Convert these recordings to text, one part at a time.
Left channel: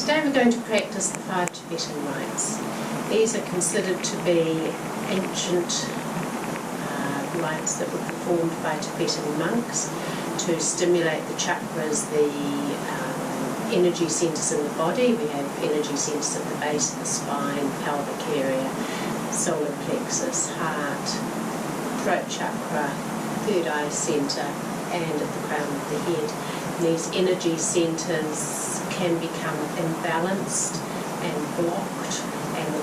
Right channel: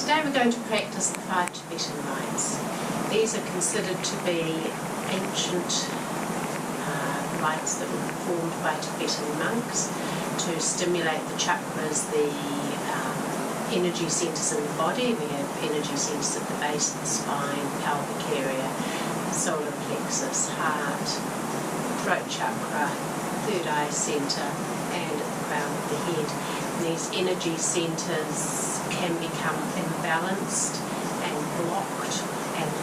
Today we're going to practice the Five Tibetan Rites. These are considered to be ancient rites that were performed by Tibetan monks to stimulate the chakras, the energy centres in the body. We have energy centres at the base of the spine, pelvic area, solar plexus, heart, throat chakra, third eye centre, and at the crown of the head. And these energy centres can become imbalanced and blocked, and the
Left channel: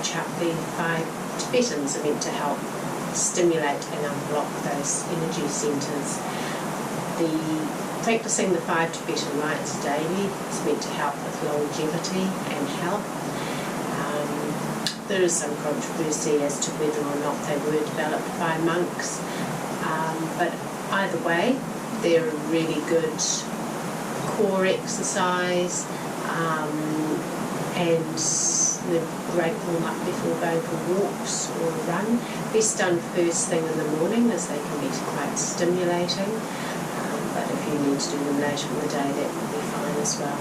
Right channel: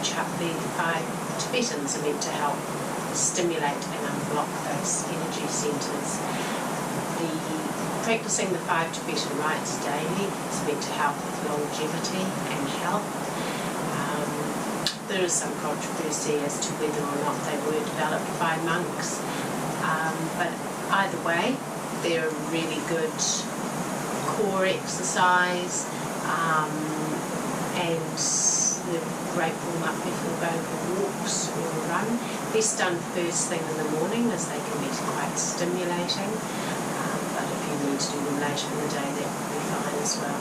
five Tibetans are meant to help stimulate and unblock those energy centres. Practicing the Five Tibetan Rites daily is meant to help with longevity and health. There is some controversy as to whether or not they were developed by monks, but either way, they're a really good core exercise, and they're a great warm-up before going for walks or a run. Best done first thing in the morning, as they can be quite stimulating, but if you need to do them later in the day, that would be fine as well.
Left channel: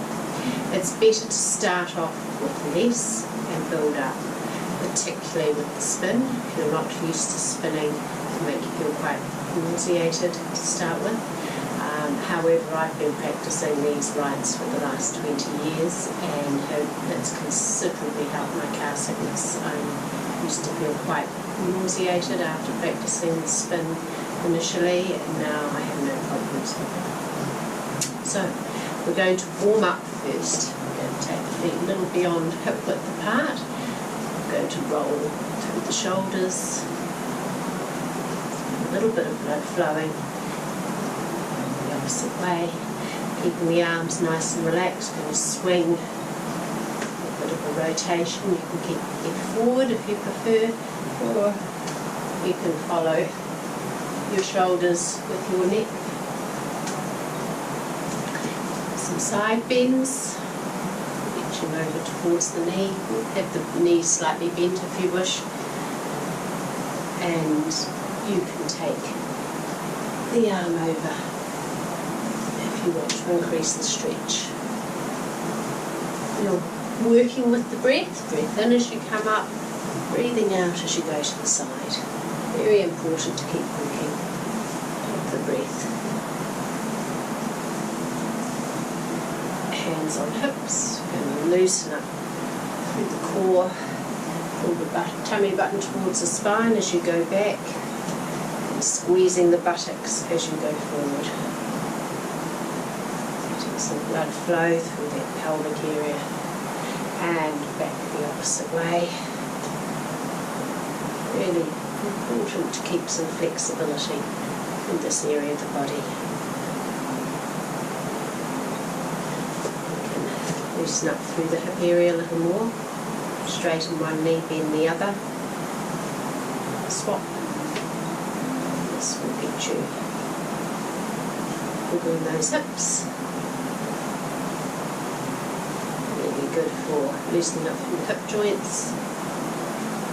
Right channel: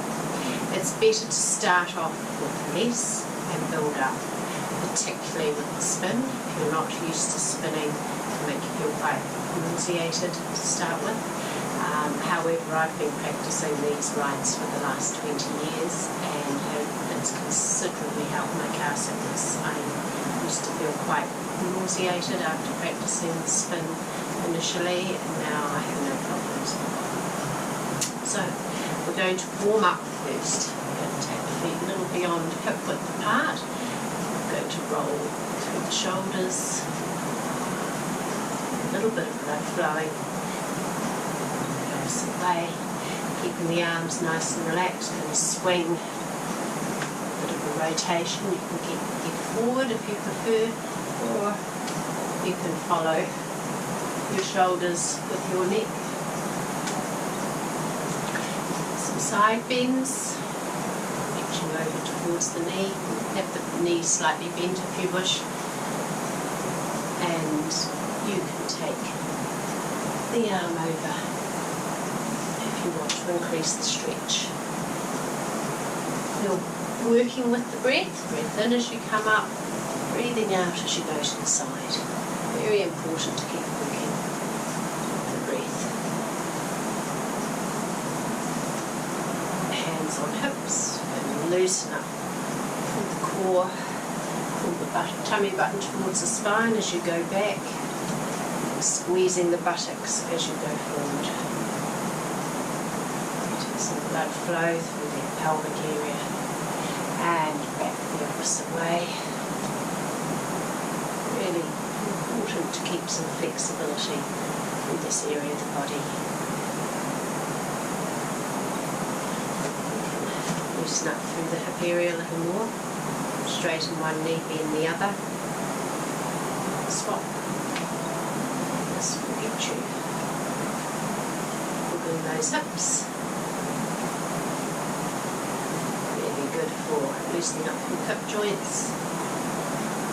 It's better to start off with less and build up, particularly with the spin. If you're not used to spinning, it can make you feel quite nauseated to start with. However, I've been practicing these rites for the last 20 years and it's considerably helped my car sickness. I used to feel quite nauseated after practicing the spin initially, and now I have no problems with it. So, we're going to warm up first. We're going to take the feet a little beyond hip width apart. We're going to roll through the shoulders. A little bit of blood flowing. The opposite way, keeping the arms nice and relaxed. Going to swing, a bit of a rotation. You can keep the head forward if you prefer, or you can follow your shoulders with your neck. Some side bends, reaching over towards the knee. Have the knee slightly bent if you wish, and you can take the arm over if you want to increase the stretch. You're working with the breath. Breath in as you come up, breathing out as you go to the side. Very important to keep working with the breath. Hands on hips. We're going to loosen up through the core. Pull the tummy button towards the spine as you go back, and squeezing the buttocks as you go forward. Letting some blood flow through that pelvic area and back the opposite way. Really important to keep some flexibility through this area of the body. We can loosen up through the hip area a little more. Straighten one knee, bend the other. Swap. And this will get you wiggling those hips. Really good for loosening up through the hip joints.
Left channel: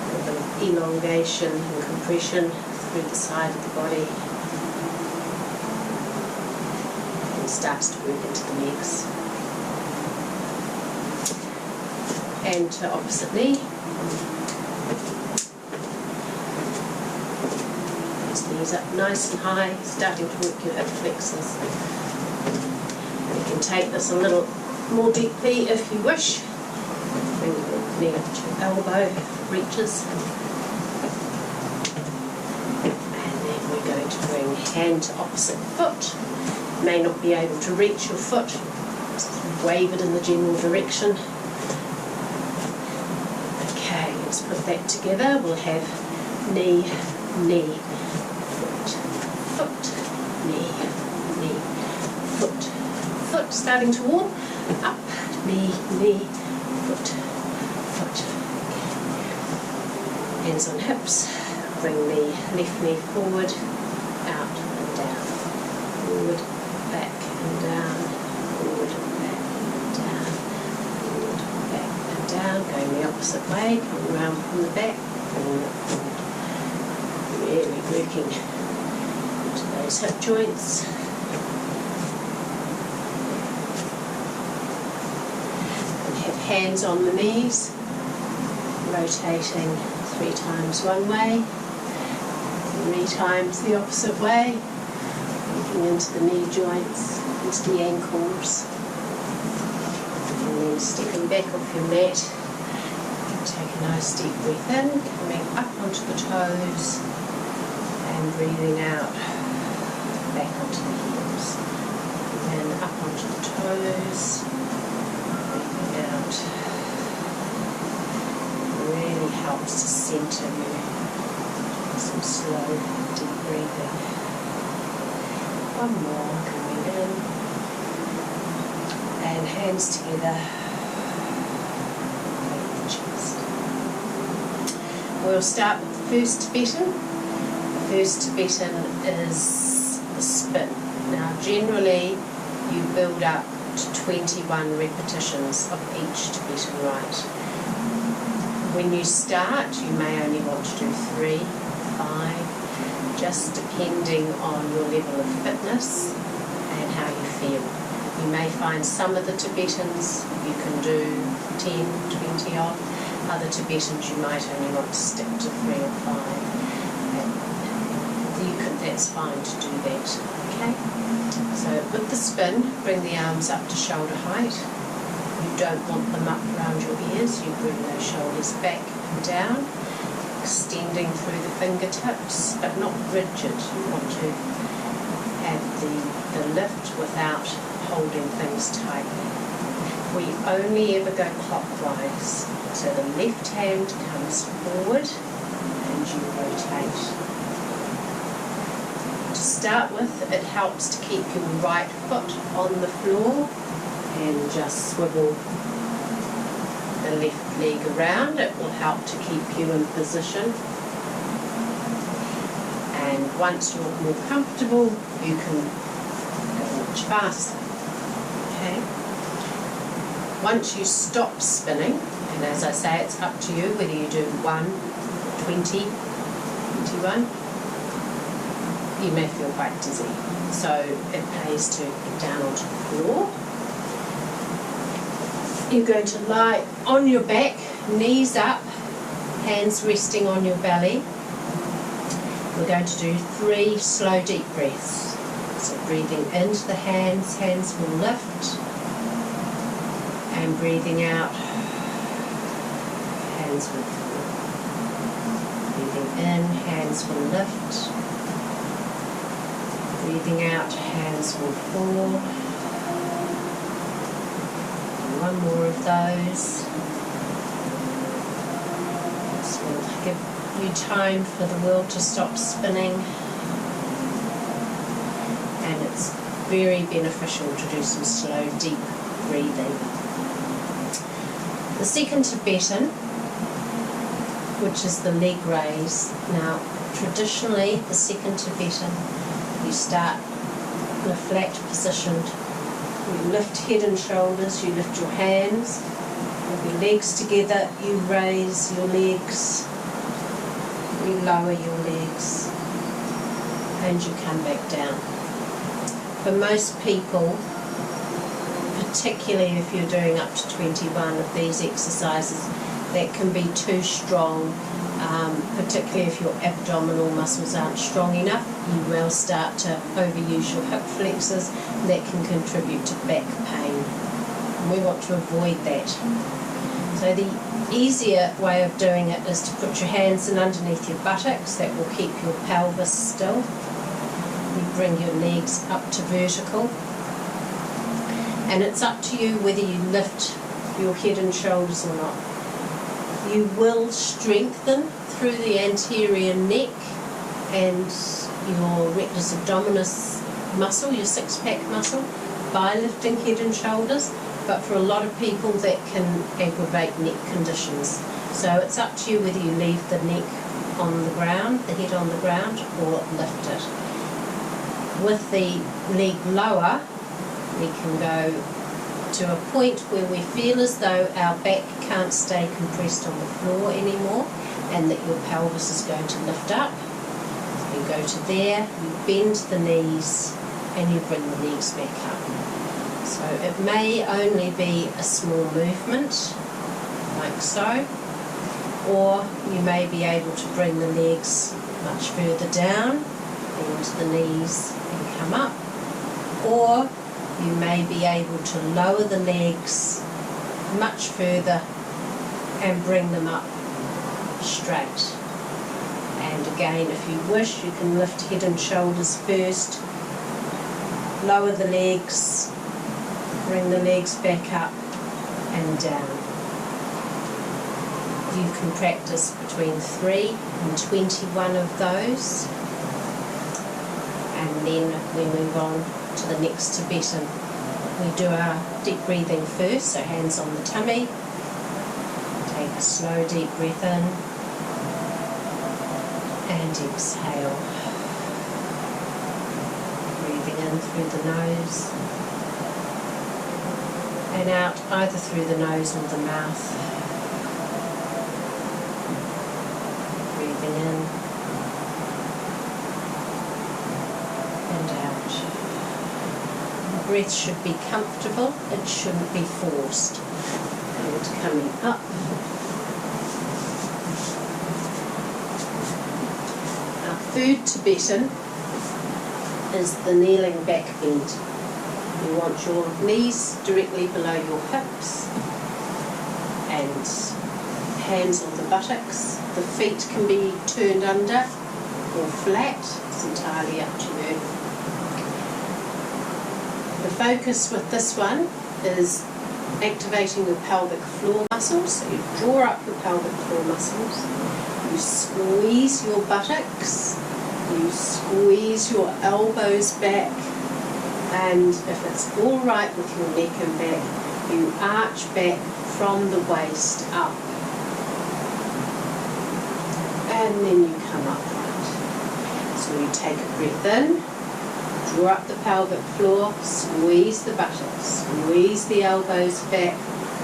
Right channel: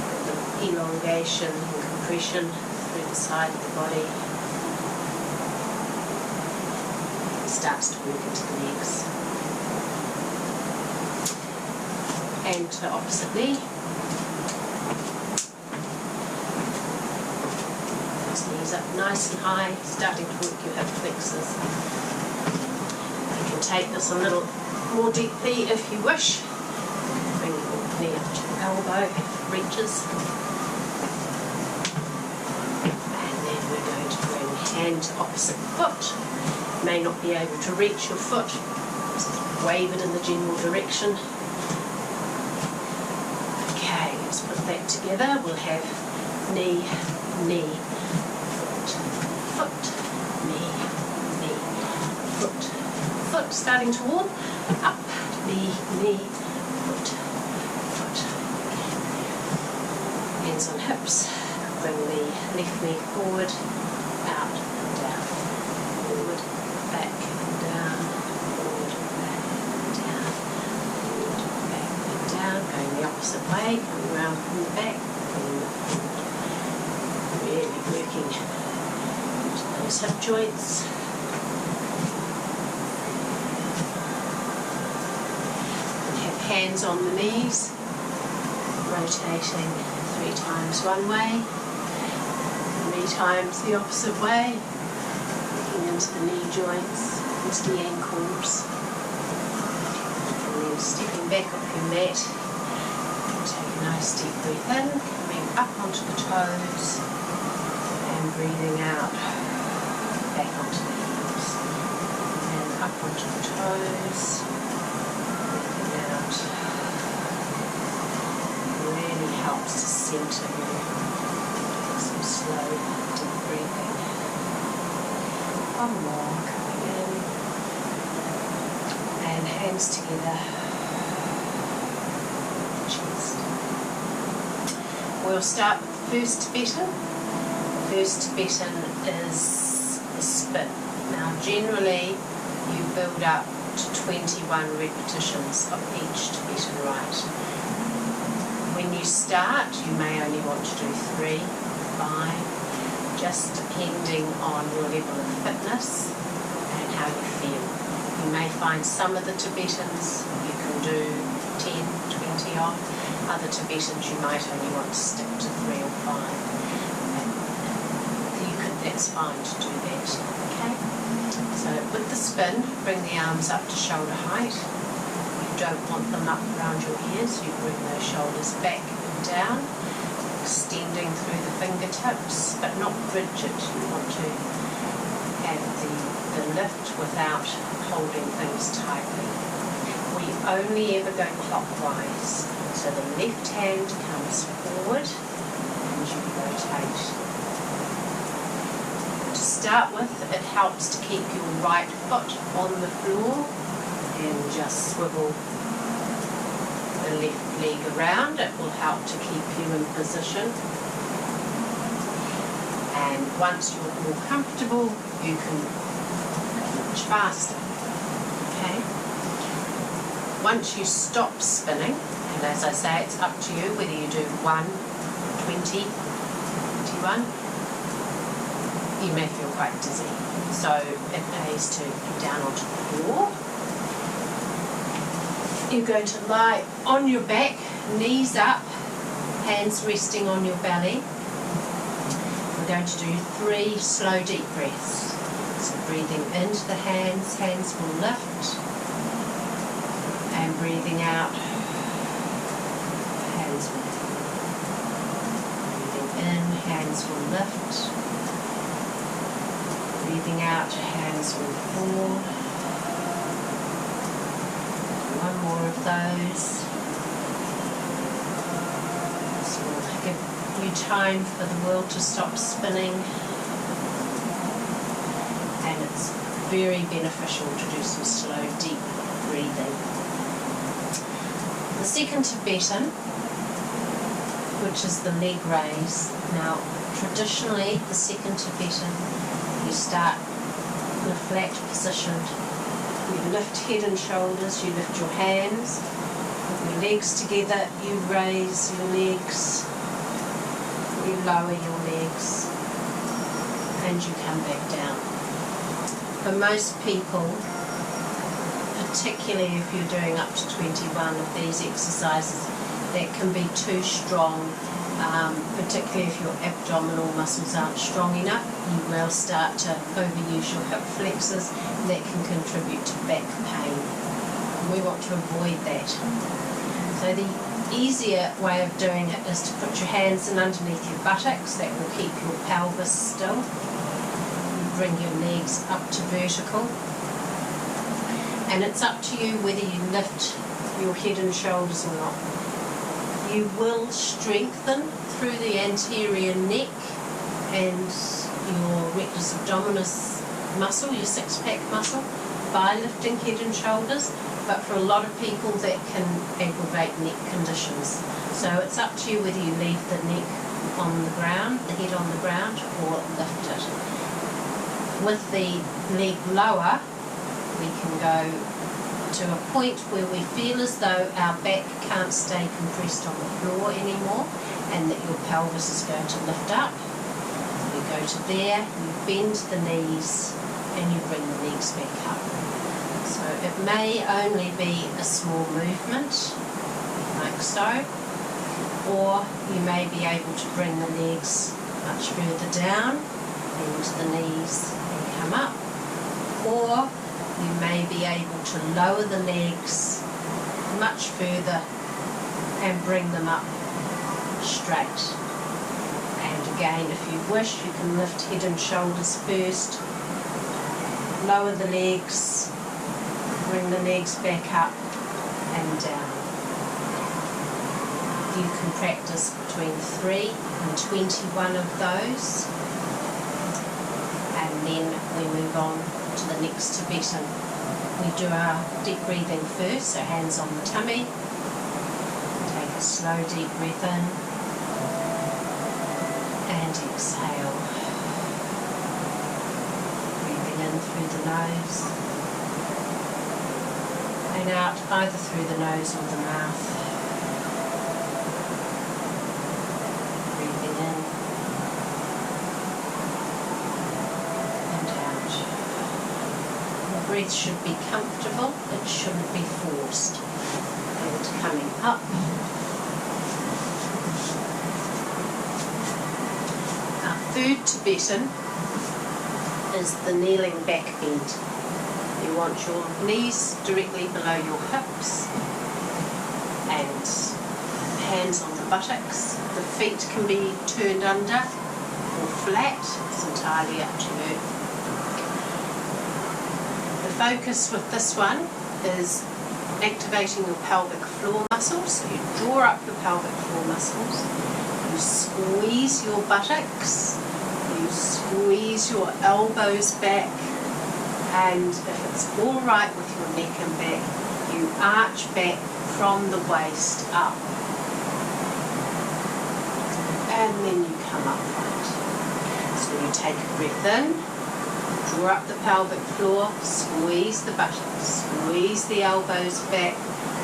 A bit of elongation and compression through the side of the body, and starts to work into the legs. And to opposite knee. Those knees up nice and high, starting to work your hip flexors. You can take this a little more deeply if you wish. Bring your knee up to your elbow if it reaches. And then we're going to bring hand to opposite foot. You may not be able to reach your foot, just wave it in the general direction. Okay, let's put that together. We'll have knee, knee, foot, foot, knee, knee, foot, foot. Starting to warm up, knee, knee, foot, foot. Hands on hips. Bring the left knee forward, out and down. Forward, back and down. Forward, back and down. Forward, back and down. Going the opposite way, coming round from the back, bringing it forward. Really working into those hip joints. have hands on the knees, rotating 3 times one way, 3 times the opposite way, looking into the knee joints, into the ankles, and then stepping back off your mat. Take a nice deep breath in, coming up onto the toes and breathing out back onto the heels. And up onto the toes, breathing out. Really helps to centre you. Doing some slow, deep breathing. One more, coming in. And hands together. Chest. We'll start with the first Tibetan. The first Tibetan is the spin. Now generally you build up to 21 repetitions of each Tibetan rite. When you start you may only want to do 3, 5, just depending on your level of fitness and how you feel. You may find some of the Tibetans you can do 10, 20 of. Other Tibetans you might only want to stick to 3 or 5. That's fine to do that. Okay? So with the spin, bring the arms up to shoulder height. You don't want them up around your ears. You bring those shoulders back and down, extending through the fingertips, but not rigid. You want to have the lift without holding things tightly. We only ever go clockwise. So the left hand comes forward and you rotate. To start with, it helps to keep your right foot on the floor and just swivel the left leg around. It will help to keep you in position. And once you're more comfortable, you can go much faster. Okay? Once you stop spinning, and as I say, it's up to you whether you do 1 or 20, 21, you may feel quite dizzy. So it pays to get down onto the floor. You're going to lie on your back, knees up, hands resting on your belly. We're going to do 3 slow deep breaths. So breathing into the hands, hands will lift. And breathing out, hands will fall. Breathing in, hands will lift. Breathing out, hands will fall. And one more of those. This will give you time for the world to stop spinning. And it's very beneficial to do some slow, deep breathing. The second Tibetan, which is the leg raise. Now, traditionally, the second Tibetan, you start in a flat position. You lift head and shoulders, you lift your hands, put your legs together, you raise your legs, you lower your legs, and you come back down. For most people, particularly if you're doing up to 21 of these exercises, that can be too strong, particularly if your abdominal muscles aren't strong enough. You will start to overuse your hip flexors, and that can contribute to back pain. And we want to avoid that. So the easier way of doing it is to put your hands in underneath your buttocks. That will keep your pelvis still. You bring your legs up to vertical. And it's up to you whether you lift your head and shoulders or not. You will strengthen through the anterior neck and your rectus abdominis muscle, your six-pack muscle, by lifting head and shoulders. But for a lot of people that can aggravate neck conditions. So it's up to you whether you leave the neck on the ground, the head on the ground, or lift it. With the leg lower, we can go to a point where we feel as though our back can't stay compressed on the floor anymore and that your pelvis is going to lift up. You go to there, you bend the knees and you bring the legs back up. So it may only be a small movement, like so, or you may be able to bring the legs much further down, bend the knees and come up, or you may be able to lower the legs much further and bring them up straight. And again, if you wish, you can lift head and shoulders first, lower the legs, bring the legs back up and down. You can practice between 3 and 21 of those, and then we move on to the next Tibetan. We do our deep breathing first, so hands on the tummy. Take a slow deep breath in and exhale. Breathing in through the nose and out either through the nose or the mouth. Breathing in and out. The breath should be comfortable, it shouldn't be forced. And coming up. Our third Tibetan is the kneeling back bend. You want your knees directly below your hips and hands on the buttocks. The feet can be turned under or flat, it's entirely up to you. The focus with this one is activating your pelvic floor muscles. So you draw up your pelvic floor muscles, you squeeze your buttocks, you squeeze your elbows back, and if it's all right with your neck and back, you arch back from the waist up. And then you come upright. So you take a breath in, draw up the pelvic floor, squeeze the buttocks, squeeze the elbows back,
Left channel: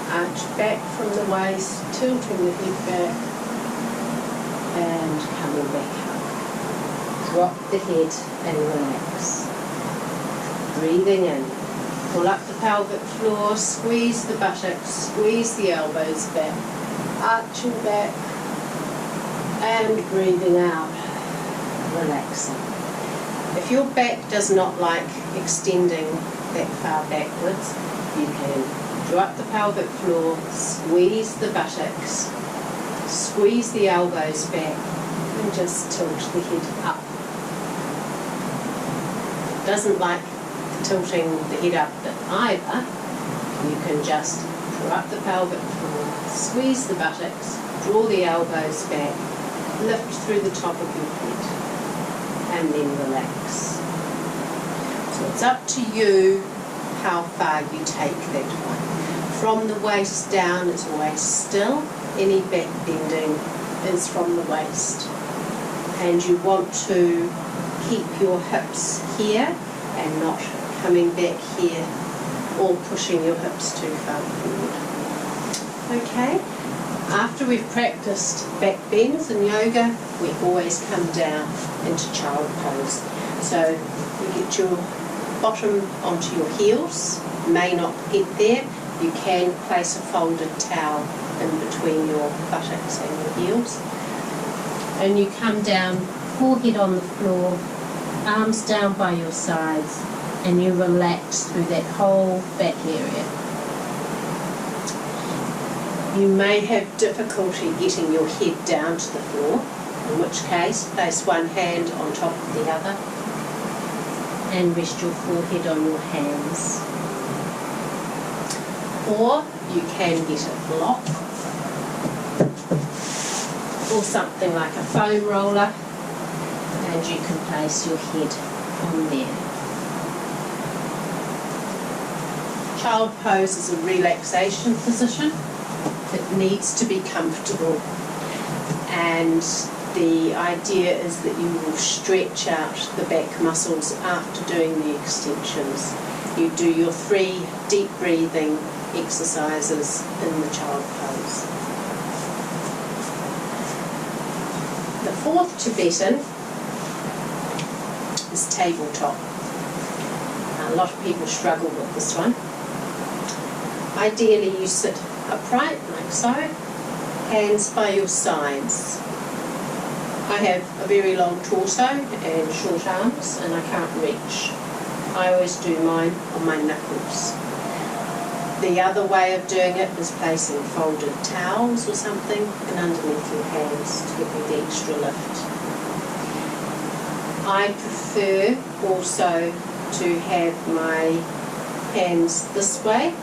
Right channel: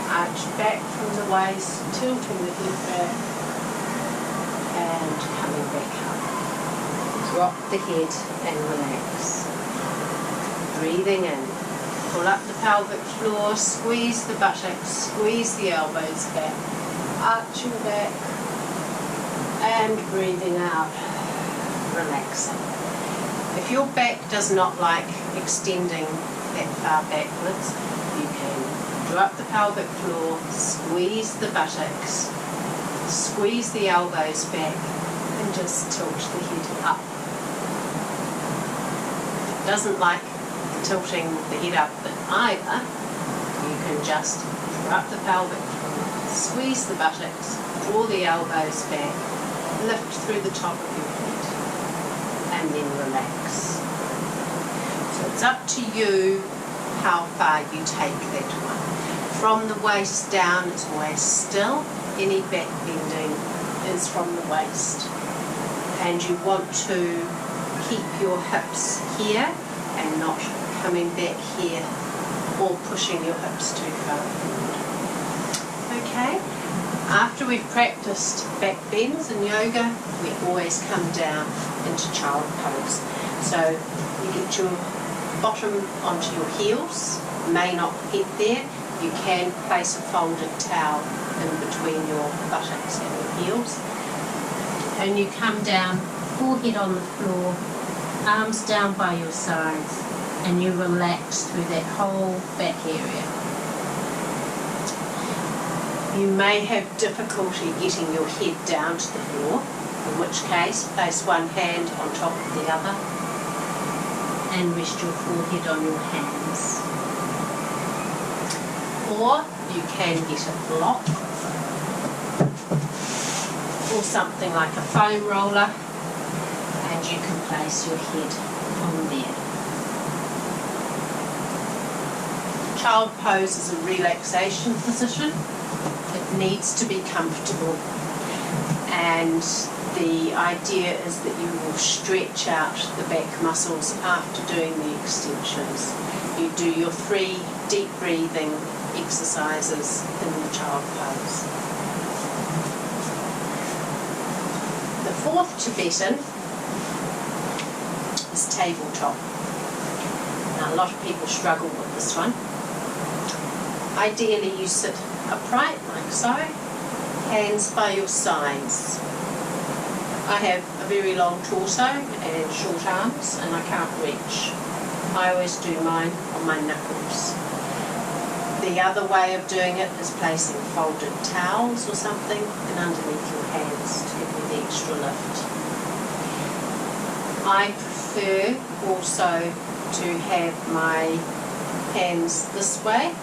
arch back from the waist, tilting the head back, and coming back up. Drop the head and relax. Breathing in, pull up the pelvic floor, squeeze the buttocks, squeeze the elbows back, arching back, and breathing out, relaxing. If your back does not like extending that far backwards, you can draw up the pelvic floor, squeeze the buttocks, squeeze the elbows back, and just tilt the head up. If it doesn't like the tilting the head up bit either, you can just draw up the pelvic floor, squeeze the buttocks, draw the elbows back, lift through the top of your head, and then relax. So it's up to you how far you take that one. From the waist down is always still. Any back bending is from the waist. And you want to keep your hips here and not coming back here or pushing your hips too far forward. Okay? After we've practiced back bends in yoga, we always come down into child pose. So you get your bottom onto your heels, may not get there. You can place a folded towel in between your buttocks and your heels. And you come down, forehead on the floor, arms down by your sides, and you relax through that whole back area. You may have difficulty getting your head down to the floor, in which case place one hand on top of the other and rest your forehead on your hands. Or you can get a block or something like a foam roller and you can place your head on there. Child pose is a relaxation position. It needs to be comfortable, and the idea is that you will stretch out the back muscles after doing the extensions. You do your 3 deep breathing exercises in the child pose. The fourth Tibetan is tabletop. Now, a lot of people struggle with this one. Ideally you sit upright like so, hands by your sides. I have a very long torso and short arms and I can't reach. I always do mine on my knuckles. The other way of doing it is placing folded towels or something and underneath your hands to give you the extra lift. I prefer also to have my hands this way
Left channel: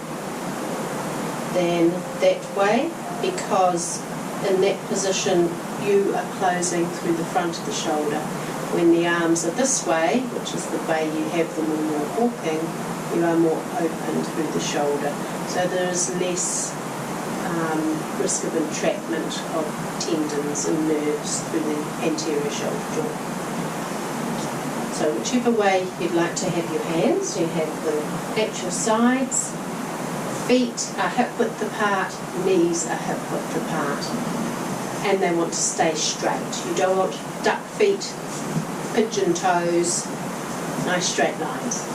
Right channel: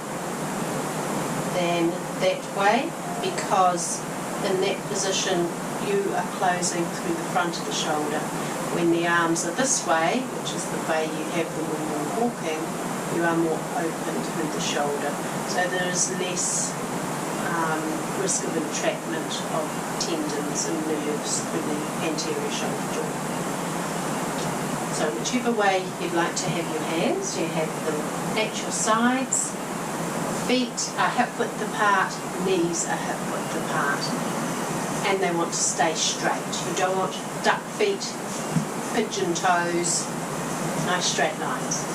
than that way, because in that position you are closing through the front of the shoulder. When the arms are this way, which is the way you have them when you're walking, you are more open through the shoulder. So there is less risk of entrapment of tendons and nerves through the anterior shoulder joint. So whichever way you'd like to have your hands, you have them at your sides, feet are hip width apart, knees are hip width apart, and they want to stay straight. You don't want duck feet, pigeon toes, nice straight lines.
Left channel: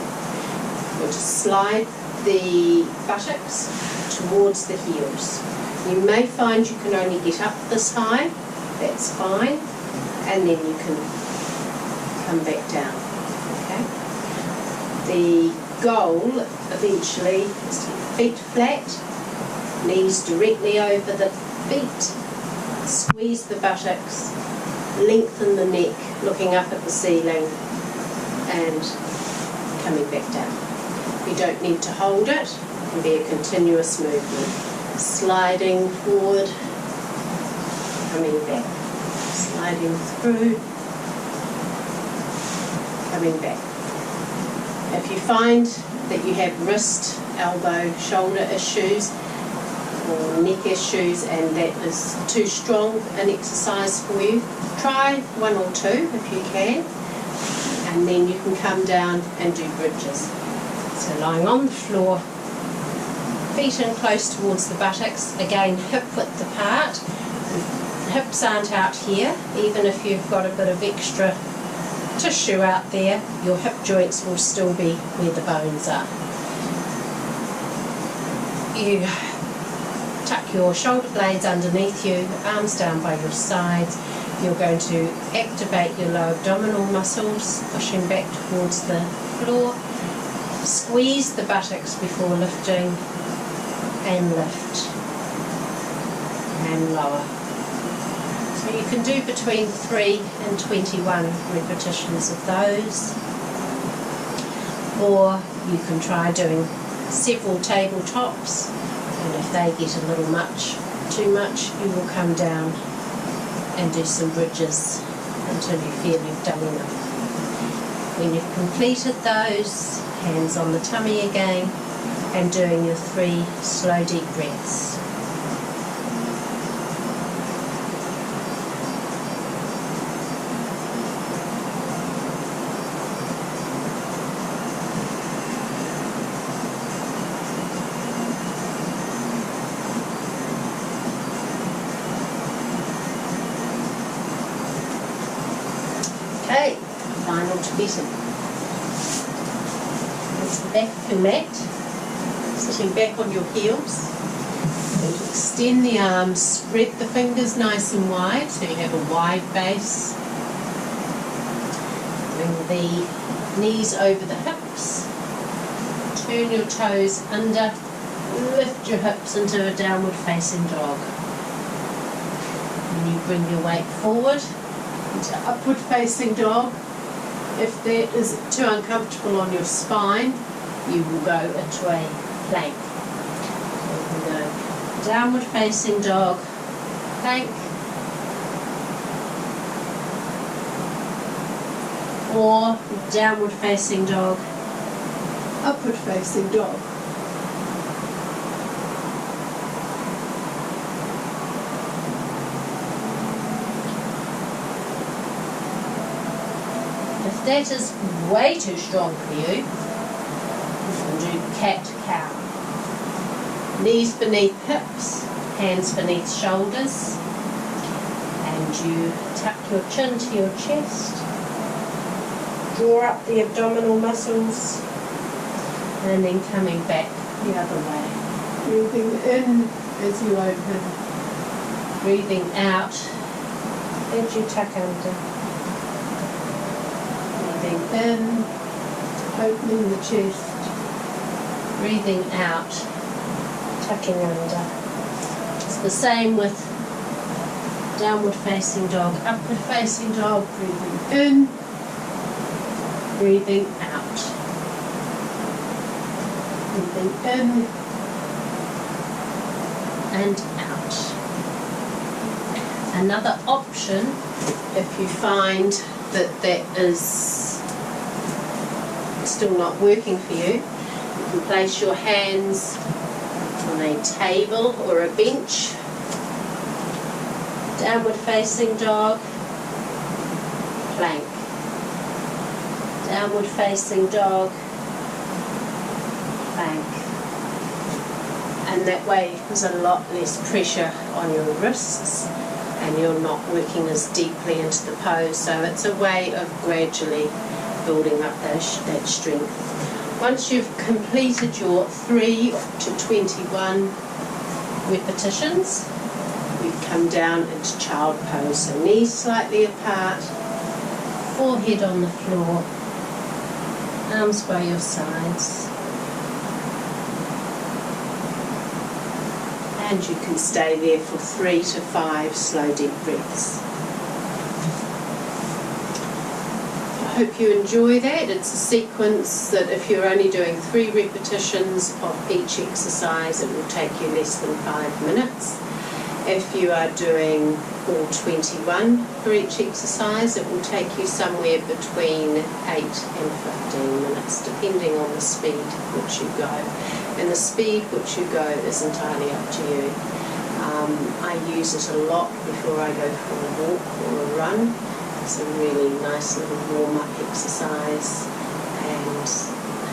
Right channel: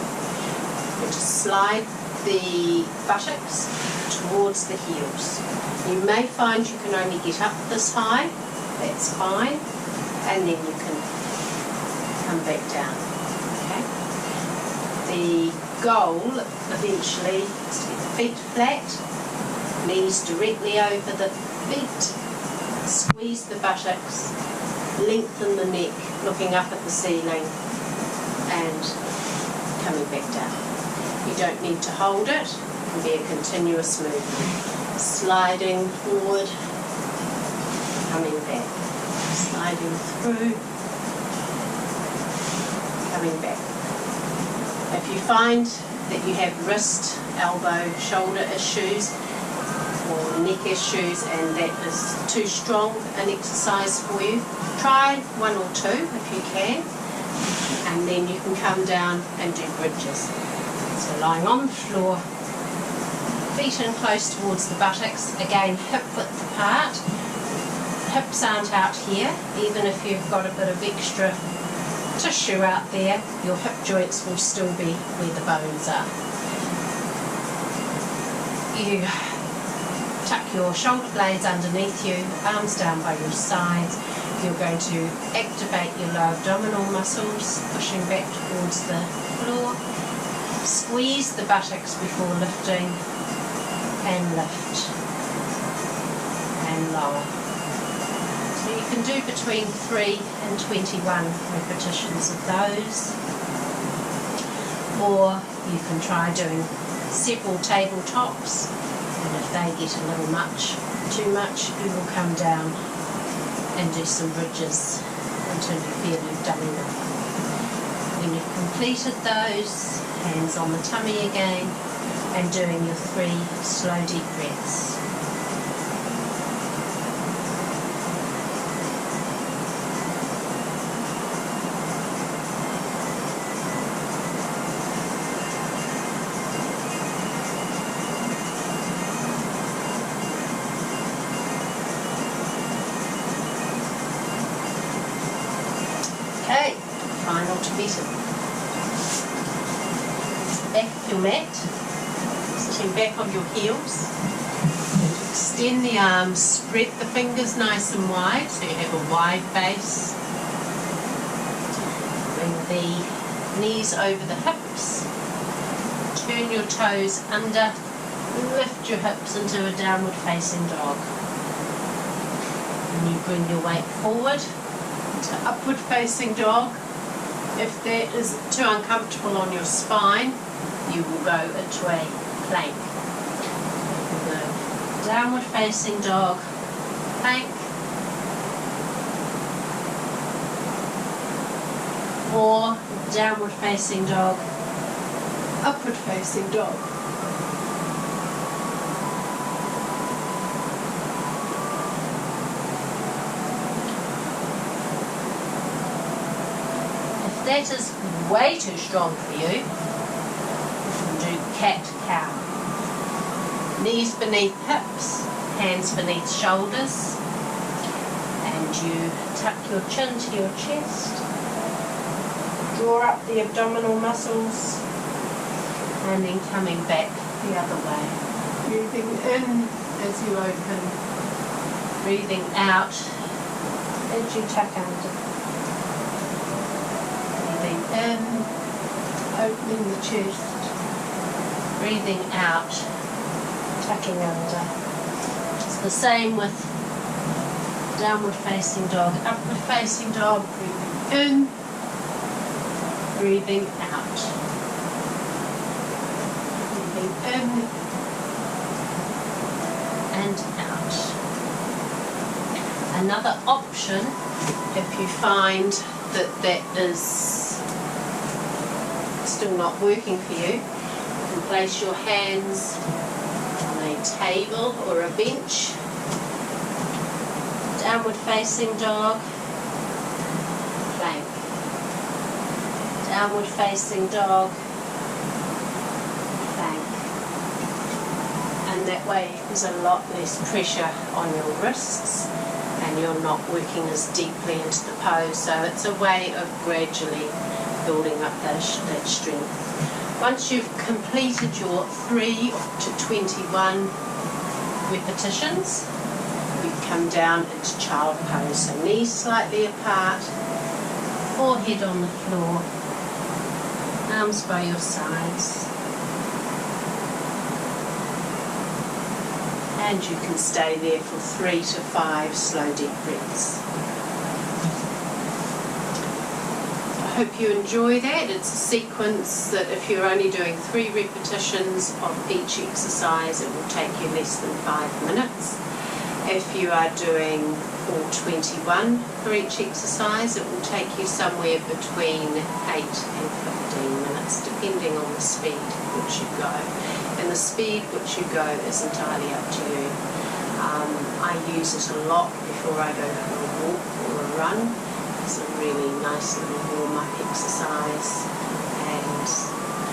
You're to slide the buttocks towards the heels. You may find you can only get up this high, that's fine, and then you can come back down. Okay. The goal eventually is to get the feet flat, knees directly over the feet, squeeze the buttocks, lengthen the neck, looking up at the ceiling and coming back down. You don't need to hold it, it can be a continuous movement. Sliding forward, coming back, sliding through, coming back. If you find that you have wrist, elbow, shoulder issues or neck issues and that is too strong an exercise for you, try one or two if you can, and then you can come down and do bridges. So lying on the floor, feet in close towards the buttocks, again hip width apart. Hips aren't out here, even if you've got a bit of extra tissue out there, your hip joints will still be where the bones are. You tuck your shoulder blades underneath you, arms down by your sides. You're going to activate your lower abdominal muscles, pushing back towards the floor. Squeeze the buttocks before lifting, and lift, and lower. So you can do between 3 and 21 repetitions of those, or you can try doing several tabletops, and if they get a little too much, you will come down and do some bridges until you feel you've done enough. When you've completed those, hands on the tummy again, and doing your 3 slow deep breaths. Okay, final Tibetan. There's the back of your mat, sitting back on your heels. And extend the arms, spread the fingers nice and wide so you have a wide base. Bring the knees over the hips, turn your toes under, lift your hips into a downward facing dog. And you bring your weight forward into upward facing dog. If that is too uncomfortable on your spine, you will go into a plank. So you can go downward facing dog, plank, or downward facing dog, upward facing dog. If that is way too strong for you, you can do cat-cow. Knees beneath hips, hands beneath shoulders, and you tuck your chin to your chest, draw up the abdominal muscles, and then coming back the other way. Breathing in as you open. Breathing out as you tuck under. Breathing in, opening the chest. Breathing out, tucking under. It's the same with downward facing dog, upward facing dog. Breathing in, breathing out. Breathing in and out. Another option, if you find that that is still not working for you, you can place your hands on a table or a bench. Downward facing dog, plank. Downward facing dog, plank. And that way there's a lot less pressure on your wrists and you're not working as deeply into the pose. So it's a way of gradually building up that strength. Once you've completed your 3 to 21 repetitions, you come down into child pose. So knees slightly apart, forehead on the floor, arms by your sides. And you can stay there for 3 to 5 slow deep breaths. I hope you enjoy that. It's a sequence that if you're only doing 3 repetitions of each exercise, it will take you less than 5 minutes. If you are doing all 21 for each exercise, it will take you somewhere between 8 and 15 minutes, depending on the speed which you go. And the speed which you go is entirely up to you. I use it a lot before I go for a walk or a run. It's a really nice little warm-up exercise, and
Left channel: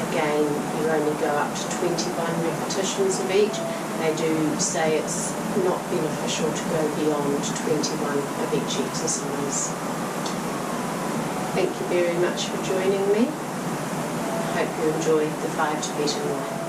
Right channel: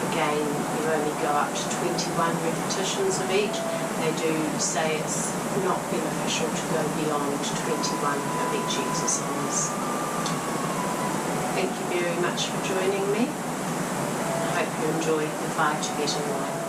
again you only go up to 21 repetitions of each. They do say it's not beneficial to go beyond 21 of each exercise. Thank you very much for joining me. I hope you enjoyed the 5 Tibetan Rites.